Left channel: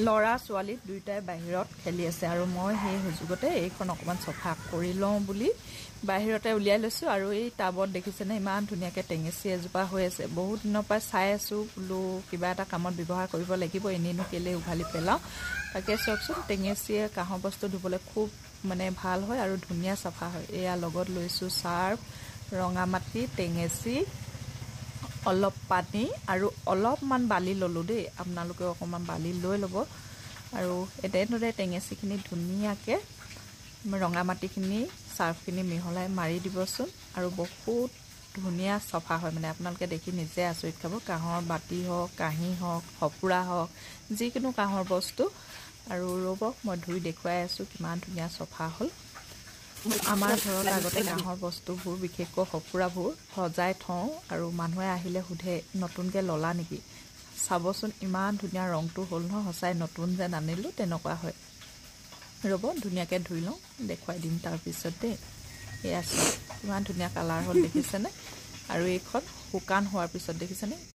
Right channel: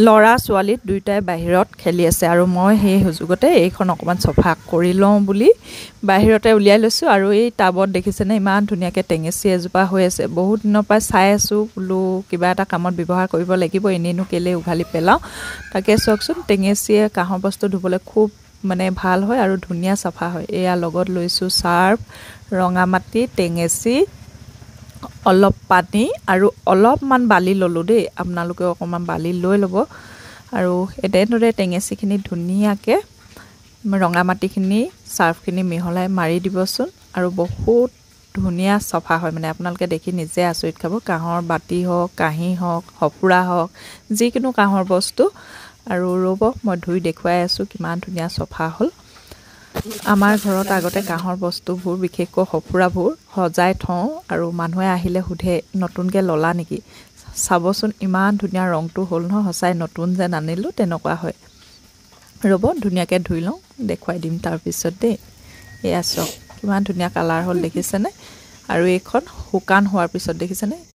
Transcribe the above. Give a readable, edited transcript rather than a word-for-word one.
লৰা ছোৱালী দুইটাই বাহিৰত খেলি আছে আৰু মই সেই সুযোগতে এইখন অকমান চফা কৰি লওঁ বুলি বাহিৰতে উলিয়াই লৈছো আৰু এই টাবত দেখিছেনে ইমান ধুনীয়াকৈ টেঙেচি এজোপা হৈ আছে বহুত দিনৰ পৰা চাই আছো বোলো কিবা এটা কামত ব্যৱহাৰ কৰিব লাগিব এনেনো কেলে উঘালি পেলাওঁ তাকে চকচোন টেঙেচিয়ে কাঁহৰ বস্তু ধুবলৈ খুব মানে ভাল হয় আৰু ধুনীয়া চাফা হয় এয়া লগত লৈছো চাৰ্ফ ৰঙা মাটি টেঙেচি অলপ পানী আৰু অলপমান বালি ললো দেই আপোনালোকে অকমান বালি লৈ ল'ব আৰু এতেনৰে টেঙেচিখিনি ধুনীয়াকৈ ৰঙা মাটিখিনি চাৰ্ফখিনি মিহলাই মাৰি দিবচোন আৰু বহুত ধুনীয়া চাফা হয় মানে আপোনালোকে দেখি নিজে আচৰিত খাব কাঁহৰ বাটি হওক কাঁহী হওক সপুৰা হওক যিকোনো কাঁহৰ বস্তু আৰু ৰ'ব মই ধুই দেখুৱাই আছো কিমান ধুনীয়া চাফা হ'ল আমাৰ ঘৰত আগতে কাঁহৰ বস্তুবোৰ বিশেষকৈ সপুৰাবোৰ সজাই থওঁ আৰু মানুহে আহিলে সুধে নতুনকৈ ললা নেকি চাবচোন ইমান ধুনীয়া ৰংটো হ'ল নহয় সঁচাই নতুন যেন আনিলো তেনেকুৱা হয় ৰ'ব ধুনীয়াকৈ ধুই লওঁ দেখুৱাই দিম তাৰপিছত দেই এয়া চাওক কিমান ধুনীয়া কালাৰ হ'ল দেখিছেনে আৰু এইখন শুকান হোৱাৰ পিছত দেখিছেনে